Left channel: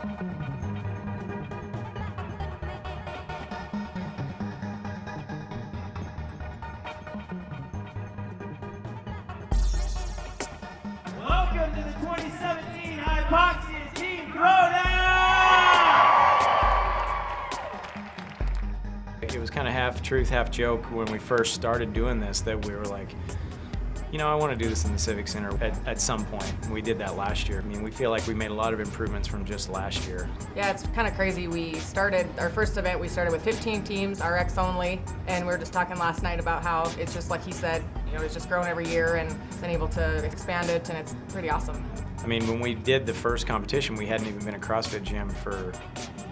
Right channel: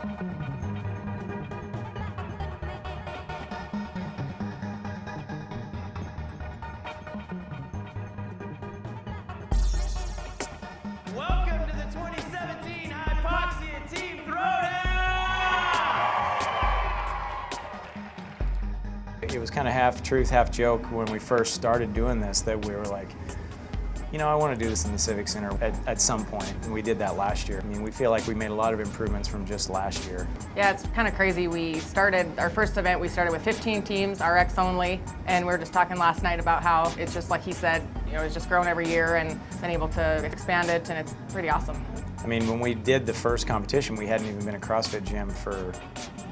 Welcome to the 2017 Hypoxia Team Throwdown! It was kind of half truth, half joke when we first started doing this, that we were like, you know, I want to do this in the Civic Center at some point. And we did that last year. I mean, we feel like we made a lot of improvements from just last year. Yeah, it's kind of crazy. We started, our first event, we started with 15 teams, RX only, and we were just talking last night about how it's just like he said, you know, it's just grown every year and been able to expand it, and it's pretty awesome. I mean, when we did the first competition, we hadn't even been a CrossFit gym for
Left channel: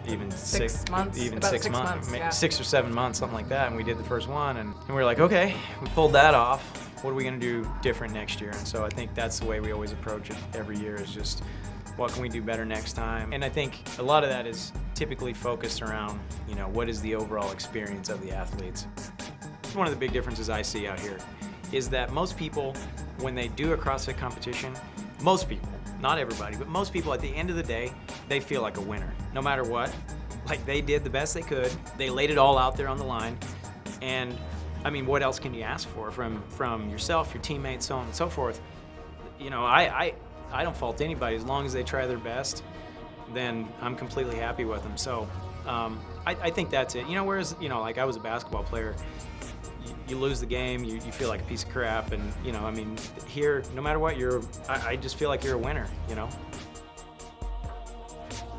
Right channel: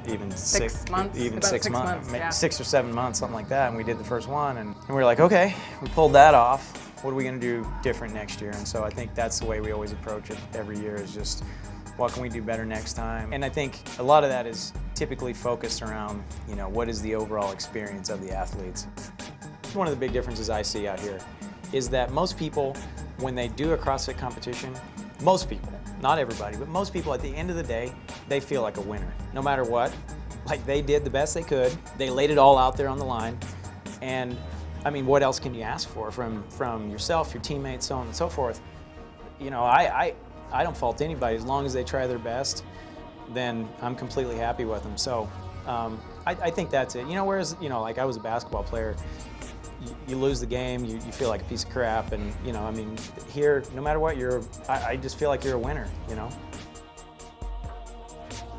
even six months, maybe yeah. 6 or 7 months, something like that. And we did the first one, and we were like, okay, we pulled that off. What are we going to do different next year? And so I think that's the way we always approach it every year, is just what can we do better next time? And I think a lot of that is typically focused around, you know, what is the overall experience of the athletes. One of the big differences I see out here is that most people, when they do a CrossFit competition, most people, not everybody, but most people at the end of the day, they feel like a winner, no matter what. Like, they did the best they could, they laid it all out there on the line, and I mean, what else can you ask for from yourself, your teammates, so on and so forth? You know, I don't fault anybody. As long as they try their best, then I'm completely happy with them. So I think that's it. You know, whereas, you know, like I was a basketball player, you lose the game, you feel like a piece of crap, and, you know, I mean, here, no matter what, I just feel like you're a winner, you know?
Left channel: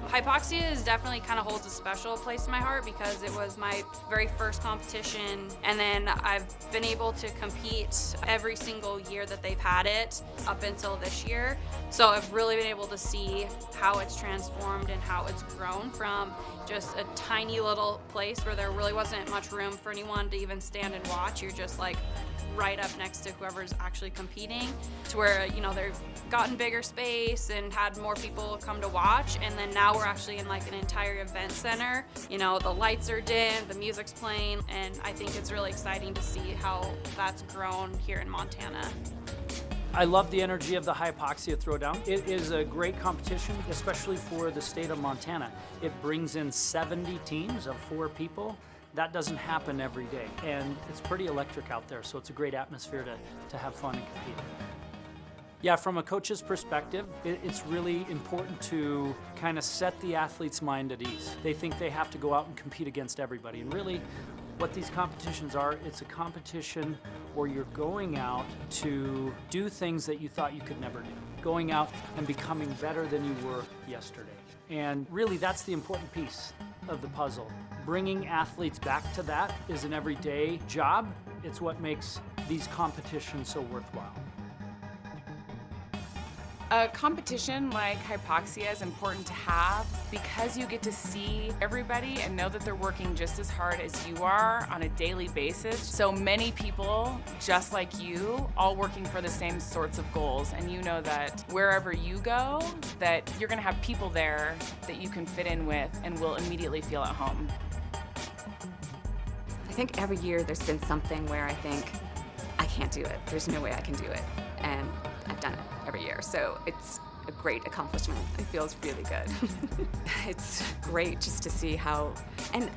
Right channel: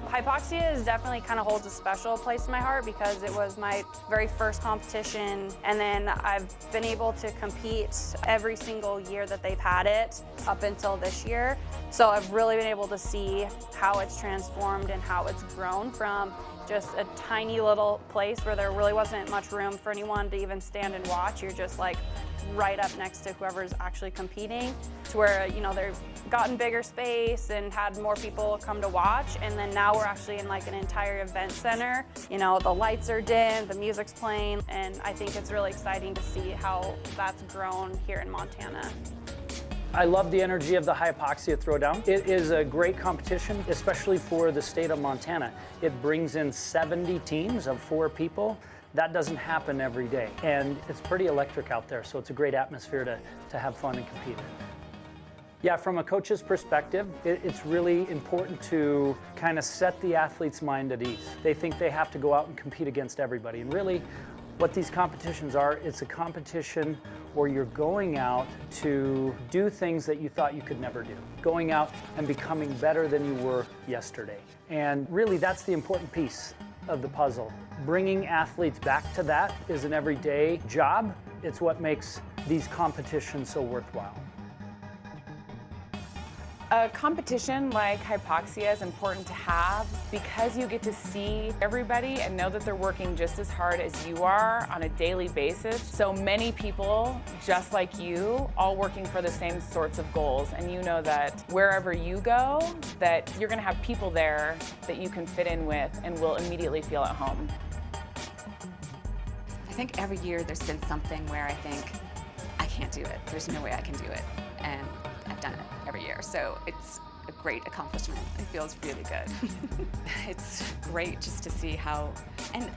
Hypoxia is definitely kind of holds a special place in my heart because it was my very first competition, and then I've been able to compete every single year that they've had it up until this year. So I've really been able to see how it's transformed and how it's grown from just a tiny little place where there really wasn't much room for anyone to even stand and watch. You're just like right up next to whoever's actually competing, to where, you know, they've gotten bigger space and had more people come to watch, and then now we're actually in like an entire event center. You know, the lights are dim, the music's playing, and I think it's really exciting to see how that's grown here in Montana. I love the energy of the Hypoxia Throwdown. It is a great competition, especially for the state of Montana. It brings in 70 teams of 4 people. That doesn't happen every day, and it's pretty electric out there, so it's a great atmosphere to have fun and compete in. Yeah, from a coach's perspective, it's really important to kind of set the athlete's mind at ease. They think they have to go out and compete against everybody, and really what these competitions are, it's a competition where you're going out to do things that you thought you could never do. Going out and becoming better than you were yesterday. And really that's the important piece of the puzzle. Bringing athletes back to that is an everyday job. It's what makes these competitions so worthwhile. A competition like Hypoxia is important to have because you get to see everybody and know that they're working just as hard as you are on a daily basis. So many people, just like you, all working for the same sorts of goals, and you know that wherever you go, that you're gonna have people there that you can fit in with and will immediately feel at home. I think every year there's been something where I think, I can't do it. There's no way I can do it. And I've done it every year. So it's a great accomplishment. It feels really good. It's great just to see how, and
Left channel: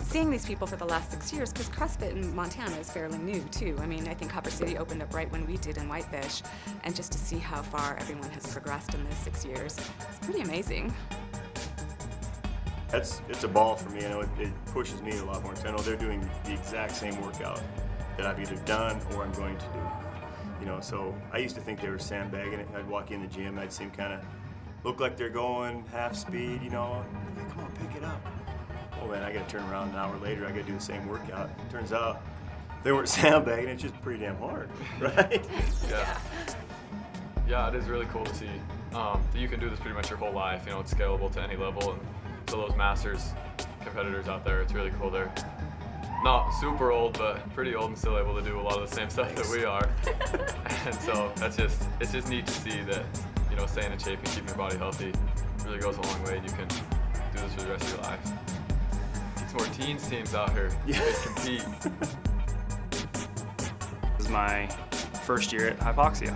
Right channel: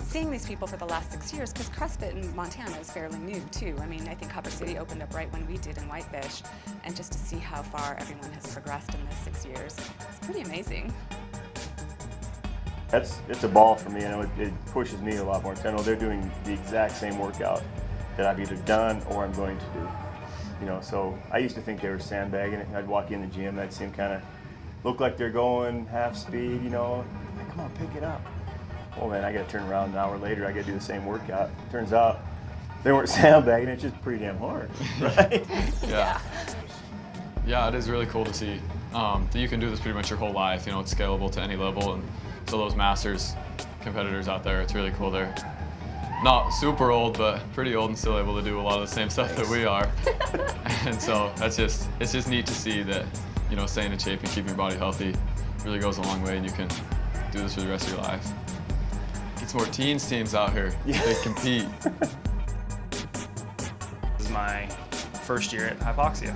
seeing these people for the last 6 years, because CrossFit in Montana is fairly new too. I mean, I think Copper City opened up right when we did in Whitefish, and just to see how far everyone has progressed in those 6 years, it's pretty amazing. It's a ball for me. I know it pushes me a lot more. I know they're doing the exact same workout that I've either done or I'm going to do. You know, so I used to think they were sandbagging it. I'd walk in the gym and I'd see them kind of look like they're going half speed, you know. Come on, pick it up. Well, man, I got to turn around an hour later. I got to do the same workout. Turns out they weren't sandbagging. It's just pretty damn hard, right? Yeah. Yeah, it is really cool to see that you can do this pretty much your whole life. You know, it's scalable to any level, and so those masters competitors out there, it's really cool. They're not super old, but pretty old and still able to do a lot of the same stuff that we are. And so it's just neat to see that, you know, staying in shape and keeping your body healthy really goes a long way, and you can do this for the rest of your life. It's more teams out here. Yeah. They compete. This is my first year at Hypoxia.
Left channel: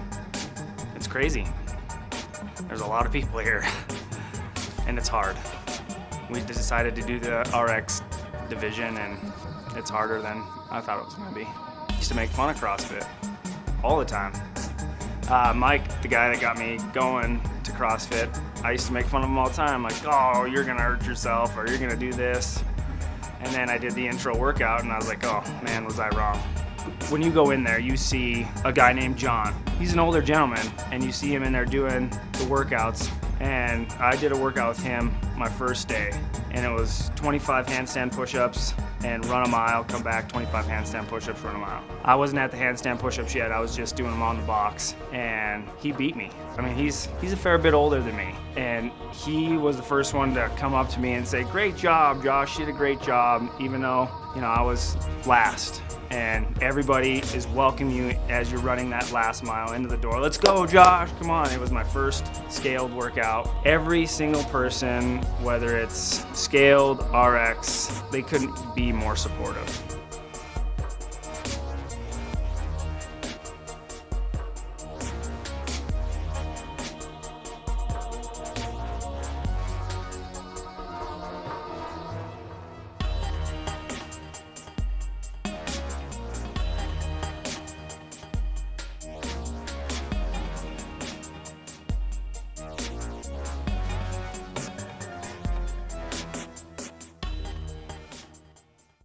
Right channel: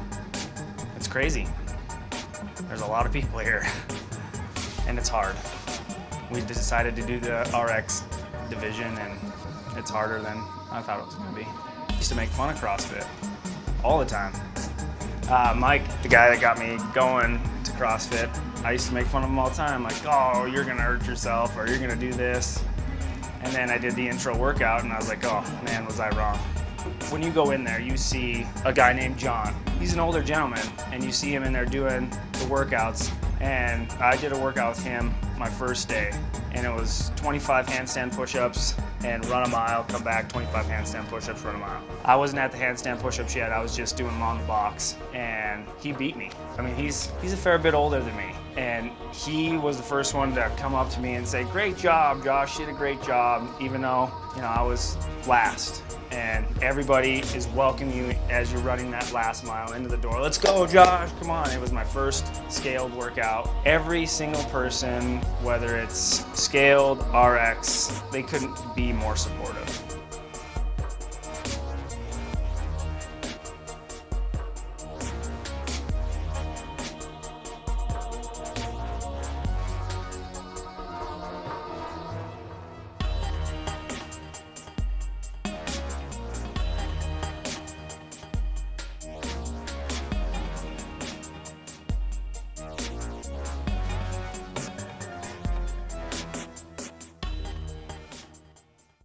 It's crazy. There's a lot of people here. and it's hard. We decided to do the RX division, and it's harder than I thought it was going to be. I used to make fun of CrossFit all the time. Mike, the guy that got me going to CrossFit, I used to make fun of him all the time, like, oh, you're going to hurt yourself, or you're going to do this. And then I did the intro workout, and I was like, oh, man, was I wrong. When you go in there, you see a guy named John. He's an older gentleman, and you see him in there doing the workouts. And I did a workout with him my first day, and it was 25 handstand push-ups and run a mile, come back, 25 handstand push-ups, run a mile. I wasn't at the handstand push-ups yet, I was just doing them on the box, and he beat me. I mean, he's a fair bit older than me, and he was the first one to come up to me and say, great job, Josh, you did a great job, even though, you know, I was last. And everybody is welcoming you as you're running that last mile into the door. Let's go, Josh, come on. It was my first scaled workout. Every single person, whether it's scaled, RX, they couldn't be more supportive.